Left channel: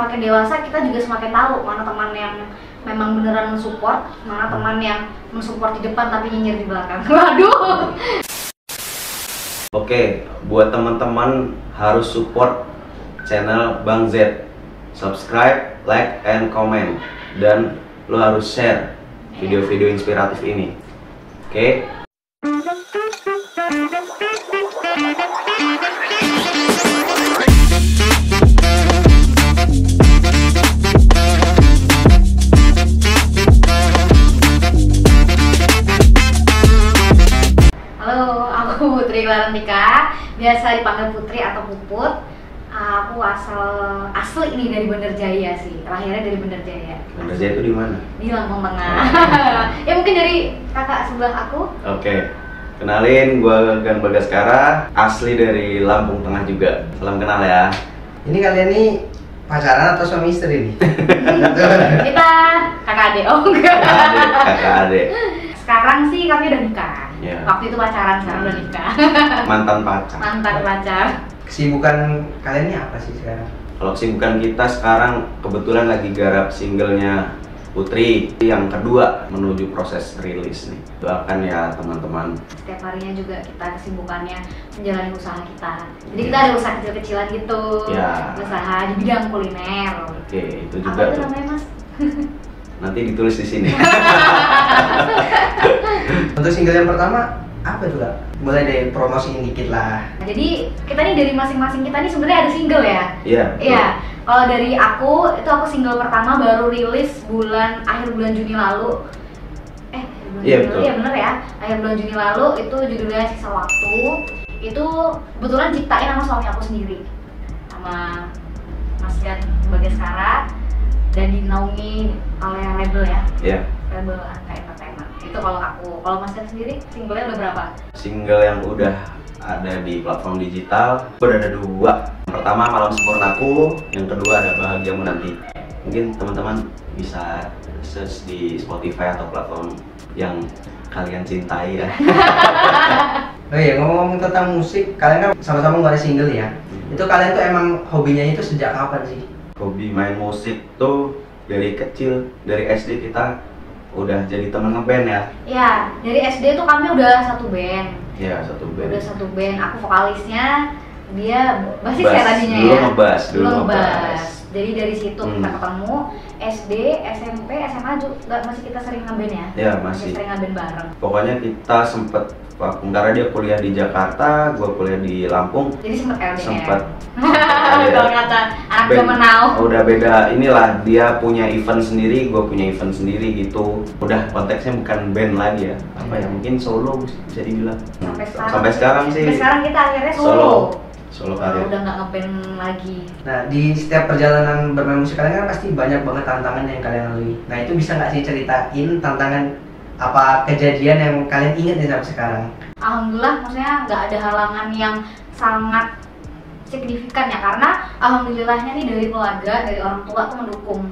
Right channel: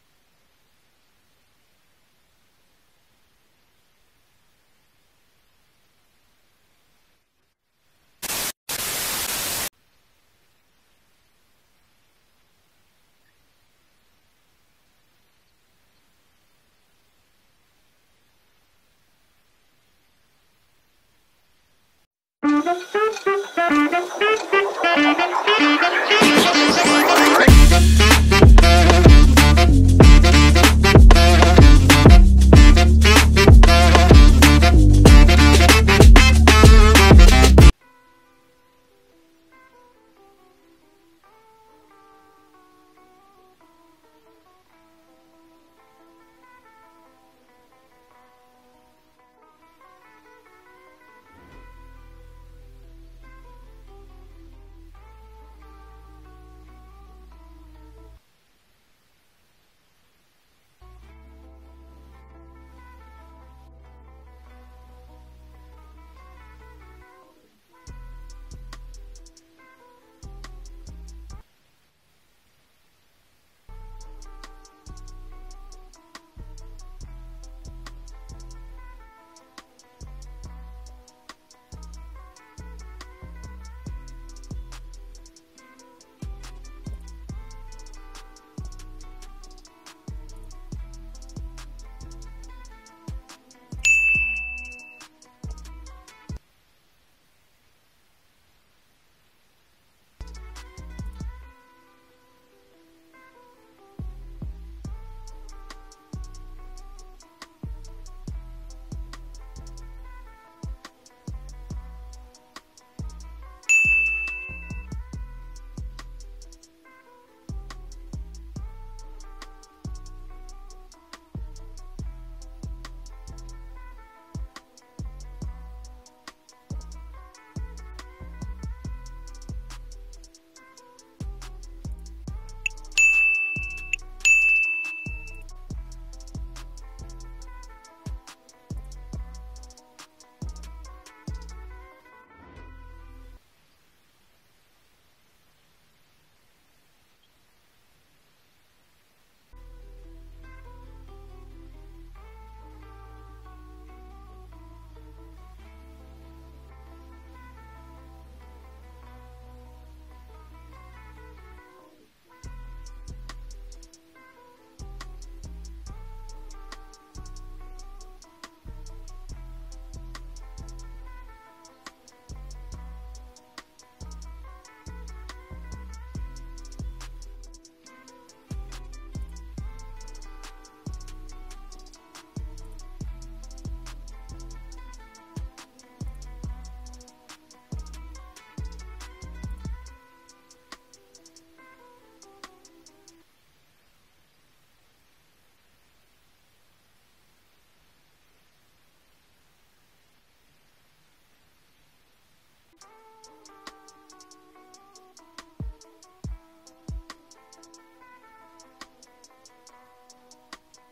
semakin dewasa kita juga semakin tahu mana teman yang memang beneran mensupport, mana teman yang mensupport di depan tapi nyinyir di belakang. Waduh. Oke, buat teman-teman harus support channel Bang Z. Subscribe, like, and comment. Dan lo harus share video-video inspiratif ini. Oke? Tika, biasa dipanggil Putri atau Puput. Aku asli ini dari Bandar Jaya sih, lahirnya dari Bandar Jaya. Bandar Jaya itu di mana? Di Lampung Tengah. Ya mungkin dari kakak sebelah aku. Oke, kenalin, gue Gan Bagaskara, asli dari Lampung Tengah juga. Salam kenal ya. Ini kalian nih pacaran atau suami istri nih? Kita kakak adik, oh enggak. Kakak adik. Sekarang sih kami udah nikah. Ya. Waktu itu pacaran, sekarang udah nikah. Mantan pacar. Mantan pacar. Kesibukan kalian ini apa sih sekarang? Kalau kesibukan kita sekarang kebetulan lagi garap singlenya Putri yang kedua menuju proses rilis nih. Doakan ya teman-teman. Setiap harinya juga kita kesibukannya menjalani usaha kita. Jadi kita ada usaha kecil-kecilan gitu. Ya. Usaha di bidang kuliner. Oke, itu juga. Apa itu namanya, Mas? Nanti ditulis di sini. Untuk single yang pertama apa tuh Kak? Boleh deh promosiin dikit lah. Jadi kita nih dari masing-masing kita nih sebenarnya ada single ya. Iya. Iya. Kalau dari aku itu aku single pertama baru rilis akhir bulan Juni lalu. Iya betul. Iya bener ya. Akhir bulan Juni lalu itu judulnya Sisa Waktu. Itu kebetulan ciptain sama suami aku sendiri, sama Mas Gan Bagaskara, dan dinaungi oleh label ya. Iya. Label Angka Entertainment. Itu kalau aku. Kalau Mas Gan sendiri singlenya udah berapa? Single yang udah ada di platform digital udah ada 2. Pertama Malam Sempurnaku, yang kedua ada Bahagiamu Nanti. Mungkin teman-teman bisa search di Spotify atau platform yang kalian cintai ya. Oh iya, ngomong-ngomong tentang musik, kalian kan sama-sama nggak ada single ya? Itu kalian tuh emang hobinya itu sejak kapan sih? Hobi main musik tuh dari kecil, dari SD kita udah jadi temen ngeband ya. Iya, dari SD tuh kami udah satu band. Iya, satu band. Udah satu band, aku vokalisnya, dia basis Bass, ya tadinya dulu ya. ngebass, dulu ngebass. ngebass. Jadi dari situ kita ketemu, SD, SMP, SMA juga masih kita sering ngeband ya. Iya, masih. Sering ngeband bareng. Pokoknya kita sempet karena dia kuliah di Jakarta, gua kuliah di Lampung. Jadi sempet LDR. Sempet. Kalau kata anak zaman now. Udah beda inilah, dia punya event sendiri, gue punya event sendiri gitu. Udah konteksnya bukan band lagi ya. Apa ya, mungkin solo bisa dibilang. Sampai sekarang sih. Sampai sekarang kita akhirnya solo. Solo karir. Udah nggak ngeband lagi. Nah, di setiap perjalanan bermain musik kalian kan pasti banyak banget tantangan yang kalian lalui. Nah, itu bisa nggak sih ceritain tantangan apa kejadian yang kalian ingat nih sampai sekarang? Alhamdulillah, maksudnya nggak ada halangan yang sangat signifikan ya, karena alhamdulillahnya nih dari keluarga, dari orang tua tuh mendukung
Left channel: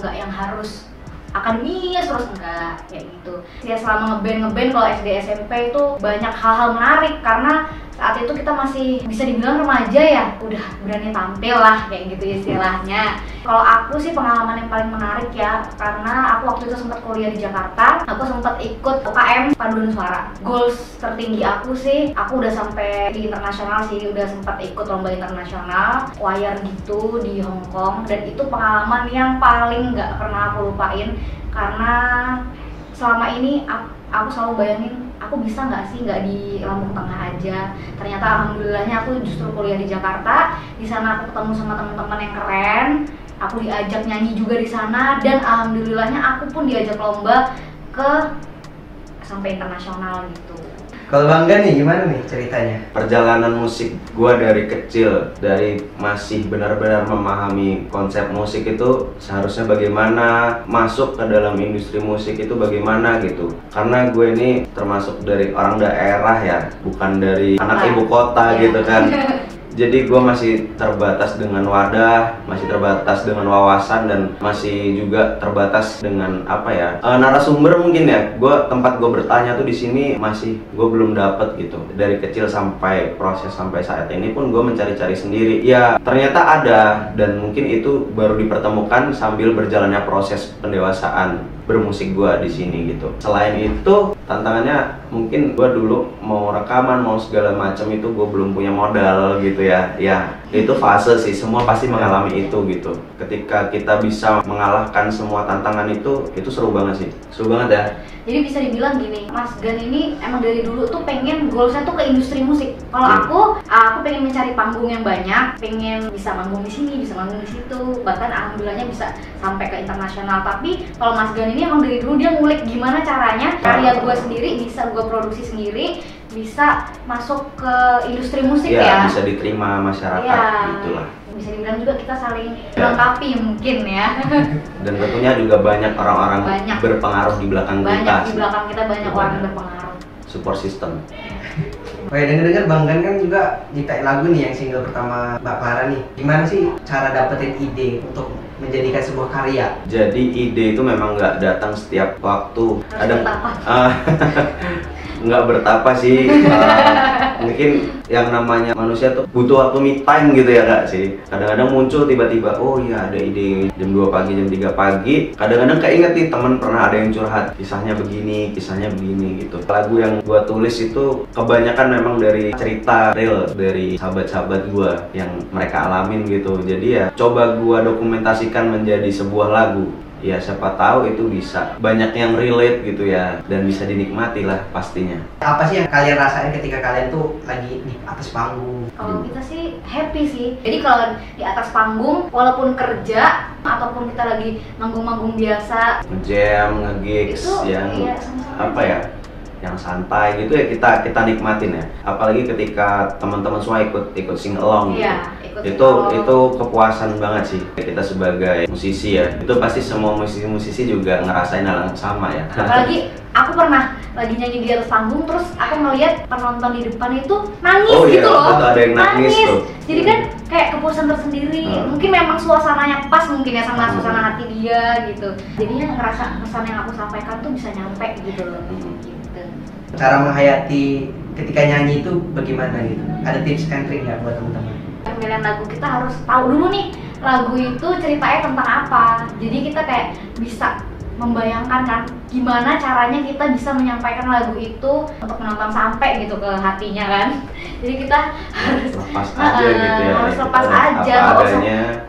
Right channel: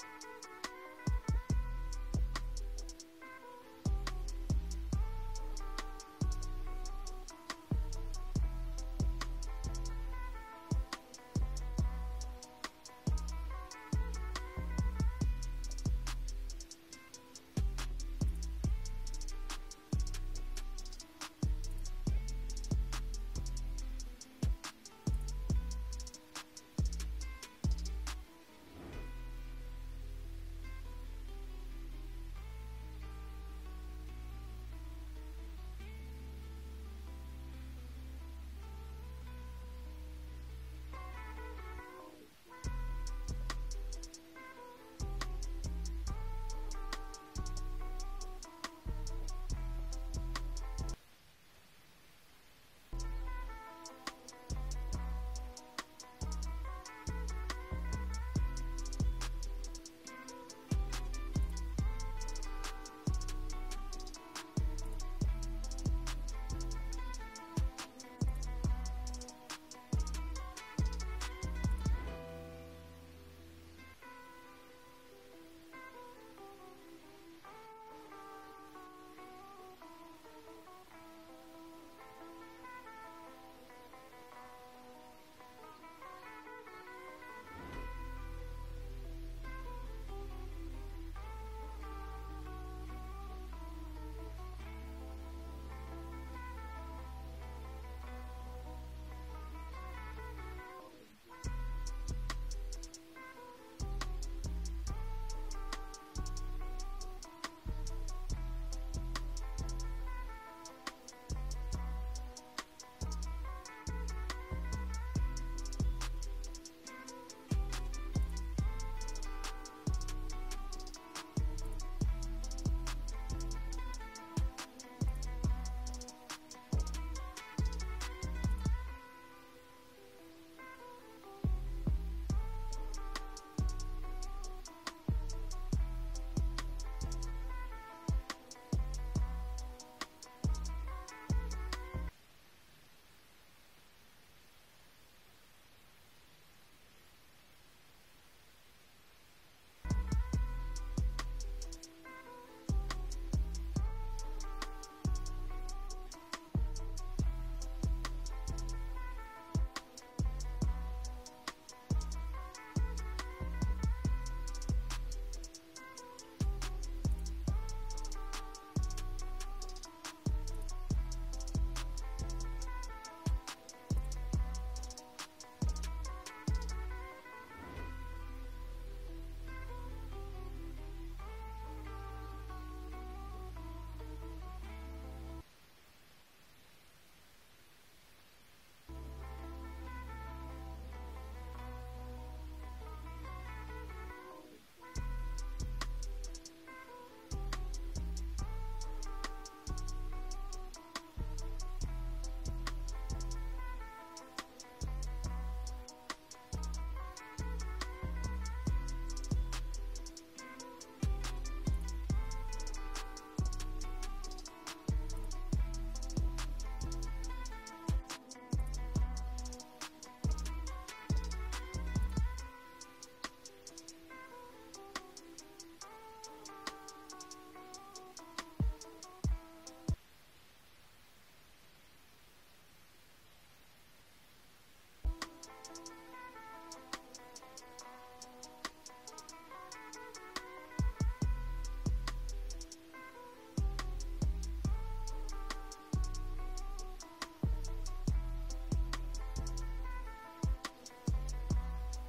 nggak yang harus akademis terus, enggak kayak gitu. Ya selama ngeband kalau SD SMP itu banyak hal-hal menarik, karena saat itu kita masih bisa dibilang remaja ya, udah berani tampil lah kayak gitu istilahnya. Kalau aku sih pengalaman yang paling menarik ya, karena aku waktu itu sempat kuliah di Jakarta, aku sempat ikut UKM Paduan Suara. Goals tertinggi aku sih, aku udah sampai di internasional sih, udah sempat ikut lomba internasional choir gitu di Hong Kong, dan itu pengalaman yang paling nggak pernah aku lupain, karena selama ini aku selalu bayangin aku bisa nggak sih nggak di Lampung Tengah aja. Ternyata alhamdulillahnya aku justru kuliah di Jakarta. Di sana aku ketemu sama teman-teman yang keren. Aku diajak nyanyi juga di sana, dan alhamdulillahnya aku pun diajak lomba sampai internasional gitu. Kalau Bang Gan nih gimana nih ceritanya? Perjalanan musik gua dari kecil, dari masih benar-benar memahami konsep musik itu seharusnya bagaimana, masuk ke dalam industri musik itu bagaimana gitu. Karena gue ini termasuk dari orang daerah ya, bukan dari anak ibu kota gitu kan. Jadi gue masih terbatas dengan wadah, masih terbatas dengan wawasan, dan masih juga terbatas dengan apa ya, narasumber mungkin ya. Tempat gue bertanya tuh di sini masih gue belum dapet gitu. Dari kecil sampai proses sampai saat ini pun gue mencari-cari sendiri. Ya ternyata ada, dan mungkin itu baru dipertemukan sambil berjalannya proses pendewasaan bermusik gue di sini gitu. Selain itu tantangannya mungkin gue dulu mau rekaman mau segala macam itu gue belum punya modal gitu ya. Ya itu fase sih, semua pasti mengalami itu gitu. Ketika kita bisa mengalahkan semua tantangan itu seru banget sih, seru banget ya. Jadi bisa dibilang gini, Mas Gan ini emang dari dulu tuh pengen goalsnya tuh ke industri musik. Kalau aku pengen mencari panggung yang banyak, pengen bisa manggung di sini, bisa manggung di situ, bahkan alhamdulillahnya bisa sampai ke internasional. Tapi kalau Mas Gan ini emang dari dulu dia ngulik gimana caranya karya gue sendiri bisa gue produksi sendiri, bisa masuk ke industri musik ya. Bisa diterima masyarakat gitulah. Bisa dibilang juga kita saling melengkapi mungkin ya. Dan tentunya juga banyak orang-orang berpengaruh di belakang kita. Di belakang kita banyak orang yang berpengaruh. Support system. Oh ya, dengar-dengar Bang Gan kan juga nyiptain lagu nih yang single pertama Mbak Clara nih. Gimana sih cara dapetin ide untuk menjadikan sebuah karya? Jadi ide itu memang nggak datang setiap waktu. Kadang nggak bertapa sih. Mungkin yang namanya manusia tuh butuh waktu me time gitu ya Kak sih. Kadang-kadang muncul tiba-tiba, oh iya ada ide jam 2 pagi, jam 3 pagi. Kadang-kadang keinget nih teman pernah ada yang curhat, kisahnya begini gitu. Lagu yang gua tulis itu kebanyakan memang dari cerita real dari sahabat-sahabat gua yang mereka alamin gitu. Jadi ya coba gua dokumentasikan menjadi sebuah lagu. Ya siapa tahu itu bisa banyak yang relate gitu ya, dan bisa dinikmati lah pastinya. Apa sih yang kalian rasain ketika kalian tuh lagi di atas panggung? Kalau kita sih happy sih. Jadi kalau di atas panggung walaupun kerja ataupun kita lagi manggung-manggung biasa, nge-jam, nge-gigs yang apa ya, yang santai gitu ya, kita nikmatin ya. Apalagi ketika teman-teman semua ikut sing along gitu. Itu kepuasan banget sih kita sebagai musisi ya. Itu pasti semua musisi juga ngerasain hal yang sama ya. Apalagi aku pernah lagi nyanyi di atas panggung, terus aku ngeliat penonton di depan itu nangis gitu loh. Betul, ada yang nangis tuh. Jadi kan kayak kepuasan tersendiri. Mungkin memang suasananya pas mungkin ya sama suasana hati dia gitu. Jadinya ngerasa pesan yang aku sampaikan tuh bisa nyampe gitu loh. Cara menghayati ketika nyanyi itu bagaimana gitu? Ada tips and trick nggak buat teman-teman? Pemilihan lagu kita harus tahu dulu nih lagu itu ceritanya tentang apa. Jadi kita kayak bisa membayangkan kan gimana caranya kita bisa menyampaikan lagu itu untuk menonton sampai gitu ke hatinya kan. Jadi kita harus lepas aja gitu ya. Harus lepas aja,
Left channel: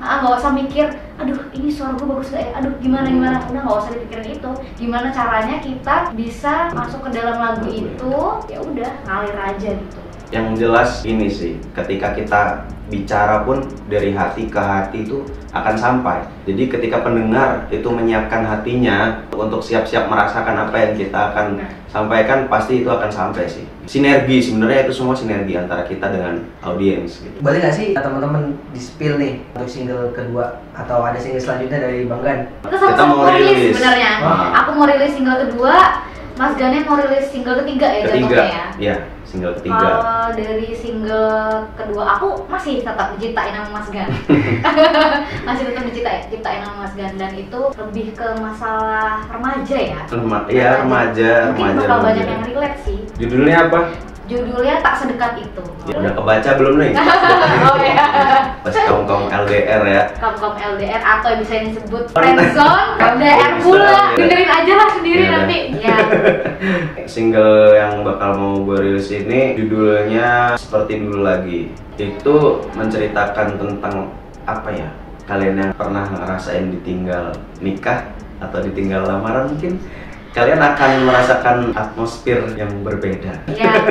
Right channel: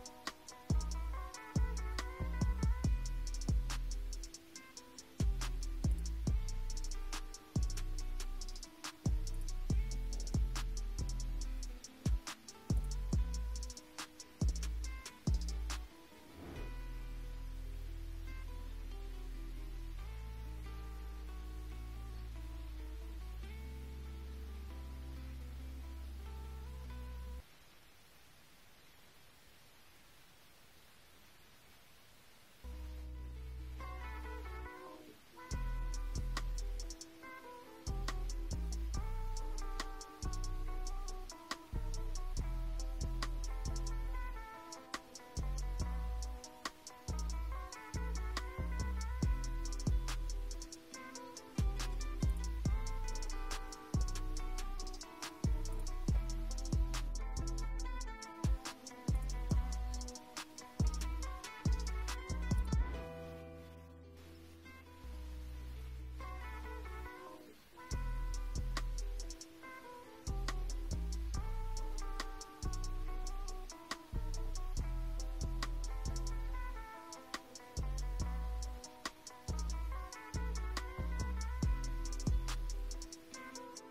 nggak usah mikir, aduh ini suara gue bagus gak ya, aduh gimana, udah nggak usah dipikirin itu. Gimana caranya kita bisa masuk ke dalam lagu itu, ya udah ngalir aja gitu. Yang jelas ini sih, ketika kita bicara pun dari hati ke hati itu akan sampai. Jadi ketika pendengar itu menyiapkan hatinya untuk siap-siap merasakan apa yang kita akan sampaikan, pasti itu akan sampai sih. Sinergi, sebenarnya itu semua sinergi antara kita dengan audiens gitu. Boleh nggak sih teman-teman di-spill nih untuk single kedua atau ada single selanjutnya dari Bang Gan? Kita mau rilis sebenarnya. Aku mau rilis single kedua, Mas Gannya mau rilis single ketiga ya jatuhnya ya? Iya, single ketiga. Dari single kedua aku masih tetap diciptain sama Mas Gan. Masih tetap diciptain sama Mas Gan, dan itu lebih ke masalah remaja ya. Iya, remaja. Mungkin bakal banyak yang relate sih. Judulnya apa? Judulnya Tak Sedekat Itu. Udah kebaca belum nih? Oh ya. Pas kaum LDR ya. Kaum LDR atau bisa disebut friendzone, LDR pula. Dengerin aja lah sendiri nanti. Ya. Single yang bakal mau gue rilis ini judulnya Seperti Dulu Lagi. Itu menceritakan tentang apa ya? Kalian yang pernah ngerasain ditinggal nikah atau ditinggal lamaran, mungkin kalian akan merasakan atmosfer yang berbeda. Iya.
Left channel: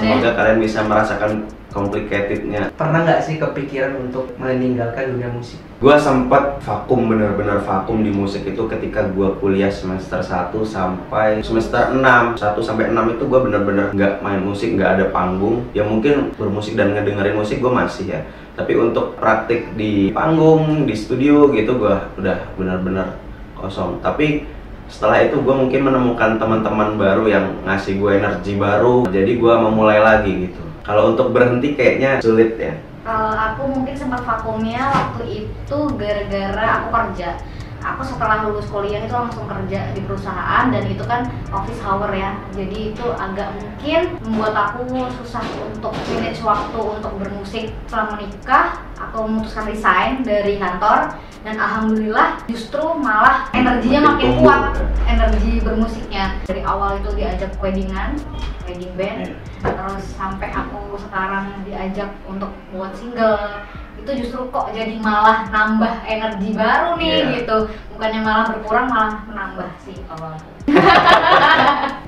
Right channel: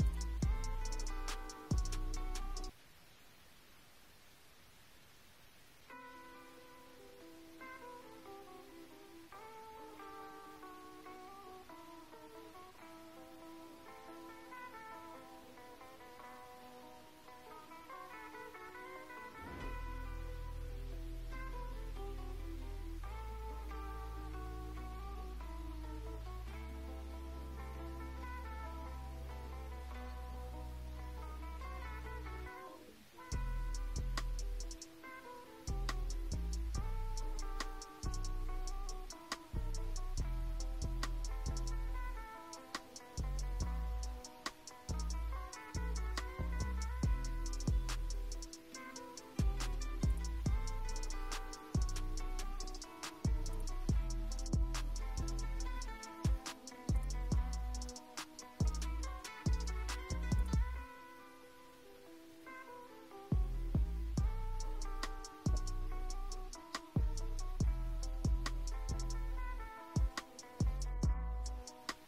Semoga kalian bisa merasakan complicatednya. Pernah nggak sih kepikiran untuk meninggalkan dunia musik? Gua sempat vakum, bener-bener vakum di musik itu ketika gua kuliah semester 1 sampai semester 6. 1 sampai 6 itu gua bener-bener nggak main musik, nggak ada panggung. Ya mungkin bermusik dan ngedengerin musik gua masih ya. Tapi untuk praktik di panggung, di studio gitu gua udah bener-bener kosong. Tapi setelah itu gue mungkin menemukan teman-teman baru yang ngasih gue energi baru, jadi gue memulai lagi gitu. Kalau untuk berhenti kayaknya sulit ya. Kalau aku mungkin sempat vakumnya waktu itu gara-gara aku kerja. Aku setelah lulus kuliah itu langsung kerja di perusahaan dan itu kan office hour ya. Jadi itu agak mungkin membuat aku susah untuk manage waktu untuk bermusik. Setelah menikah, aku memutuskan resign dari kantor dan alhamdulillah justru malah energinya makin kuat, energi bermusiknya. Dari awal itu diajak wedding band, terus sampai aku sekarang diajak untuk buat single. Itu justru kok jadi malah nambah energi baru nih gitu, bukannya malah berkurang malah menambah sih kalau aku.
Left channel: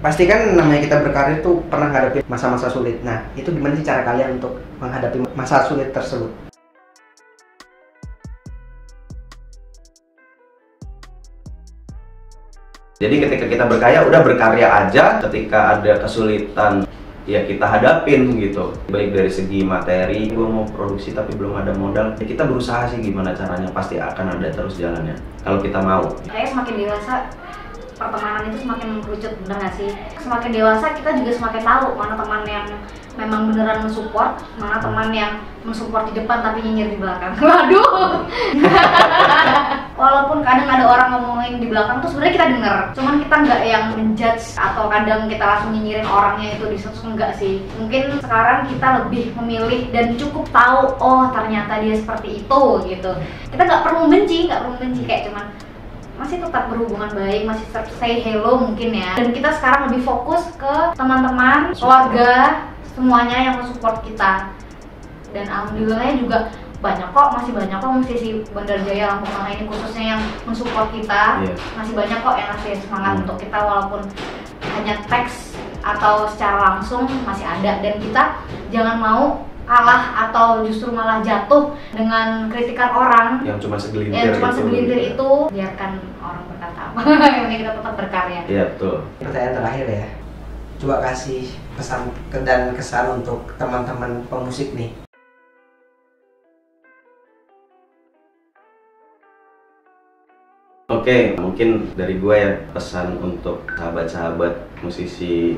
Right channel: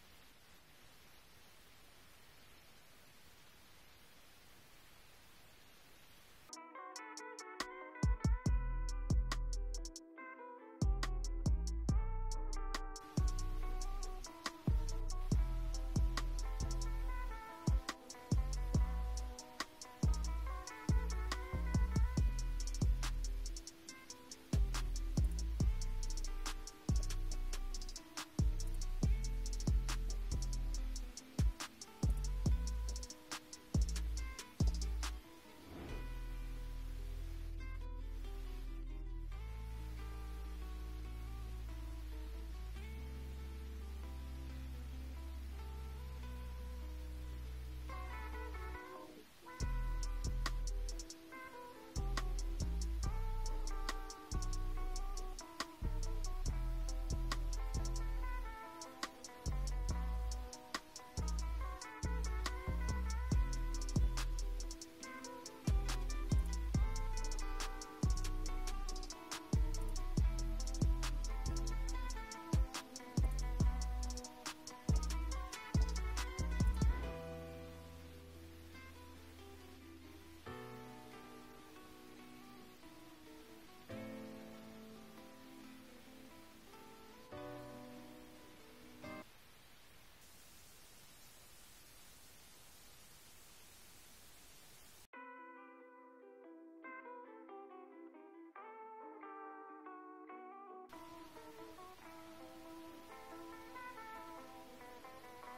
Pasti kan namanya kita berkarir tuh pernah menghadapi masa-masa sulit. Nah, itu gimana sih cara kalian untuk menghadapi masa sulit tersebut? Jadi ketika kita berkarya, udah berkarya aja. Ketika ada kesulitan, ya kita hadapin gitu. Baik dari segi materi, gue mau produksi tapi belum ada modal, ya kita berusaha sih gimana caranya, pasti akan ada terus jalannya kalau kita mau. Kayak semakin dewasa pertemanan itu semakin mengerucut, bener gak sih? Semakin dewasa kita juga semakin tahu mana teman yang memang beneran mensupport, mana teman yang mensupport di depan tapi nyinyir di belakang. Waduh. Walaupun kadang ada orang ngomongin di belakang tuh sebenarnya kita denger, cuman kita nggak yang menjudge atau kadang kita langsung nyinyirin orangnya itu di sosmed, enggak sih. Mungkin sekarang kita lebih memilih dan cukup tahu, oh ternyata dia seperti itu gitu. Kita nggak perlu benci kayak cuman masih tetap berhubungan baik, masih tetap say hello mungkin ya. Dan kita sekarang lebih fokus ke teman-teman, keluarga, semuanya yang mensupport kita. Dan alhamdulillahnya juga masih banyak kok musisi Bandar Jaya Lampung Tengah ini khususnya yang mensupport kita. Masih banyak kok yang ngasih semangat untuk kita walaupun hanya teks atau secara langsung masih ada. Dan kita jangan mau kalah atau justru malah jatuh dengan kritikan orang yang cuma segelintir, itu biarkan orang berkata apa. Yang penting kita tetap berkarya. Iya betul. Pertanyaan terakhir ya, coba kasih pesan dan kesan untuk teman-teman pemusik nih. Oke, mungkin dari gue ya pesan untuk sahabat-sahabat musisi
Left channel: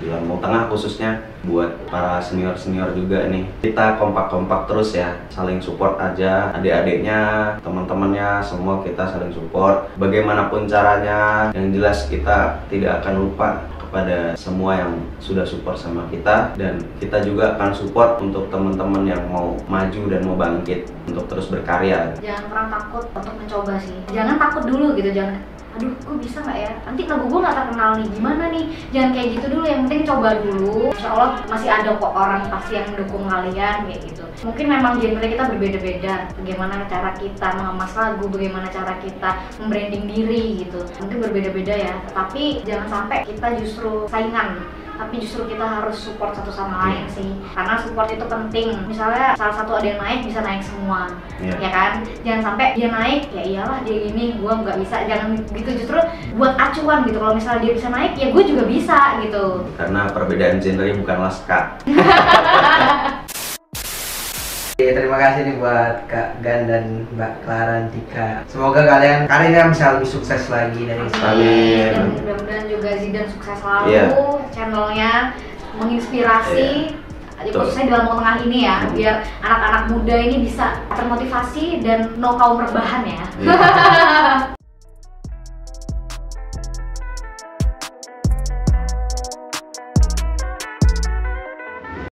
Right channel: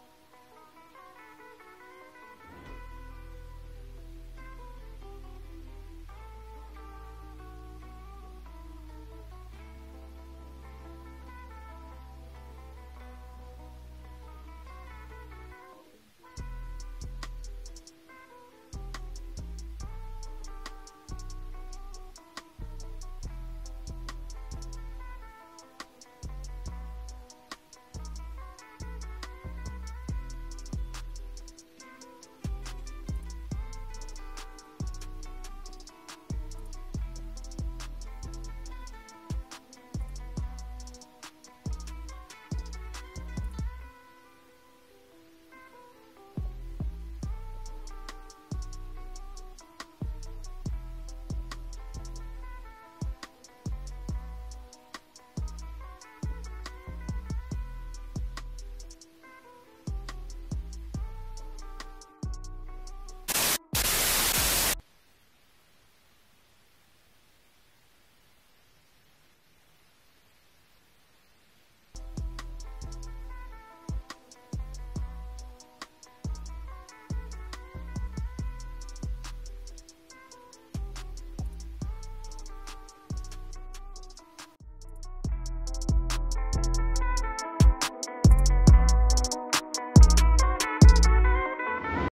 di Lampung Tengah khususnya, buat para senior-senior juga nih, kita kompak-kompak terus ya, saling support aja, adik-adiknya, teman-temannya, semua kita saling support bagaimanapun caranya. Yang jelas kita tidak akan lupa kepada semua yang sudah support sama kita, dan kita juga akan support untuk teman-teman yang mau maju dan mau bangkit untuk terus berkarya. Jangan pernah takut untuk mencoba sih, jangan takut dulu gitu, jangan aduh gue bisa nggak ya, nanti lagu gue nggak terkenal nih, gimana nih, jangan kayak gitu dulu, yang penting coba dulu. Insya Allah masih ada kok orang pasti yang mendukung kalian kayak gitu. Mungkin memang genre kita berbeda-beda, bagaimana cara kita mengemas lagu, bagaimana cara kita membranding diri gitu, mungkin berbeda-beda ya, tapi jangan sampai kita justru saingan, tapi justru kita harus support satu sama lain sih, karena support itu penting. Misalnya salah satu ada yang naik, bisa naik semua, ya kan? Jangan sampai dia naik, ya iyalah dia gini, gue nggak bisa, jangan gitu. Justru buat acuan gitu, kalau misalnya dia bisa naik, ya gue juga bisa gitu. Karena perbedaan genre bukanlah skat. Terima kasih nih buat Kak Gan dan Mbak Clarantika. Semoga kalian karirnya bisa lebih sukses lagi dari Amin. Dan mudah-mudahan juga Zidan sukses selalu, channelnya menginspirasi, khususnya di Lampung Tengah ini ya, biar anak-anak muda ini bisa termotivasi dan know kaum rebahan ya.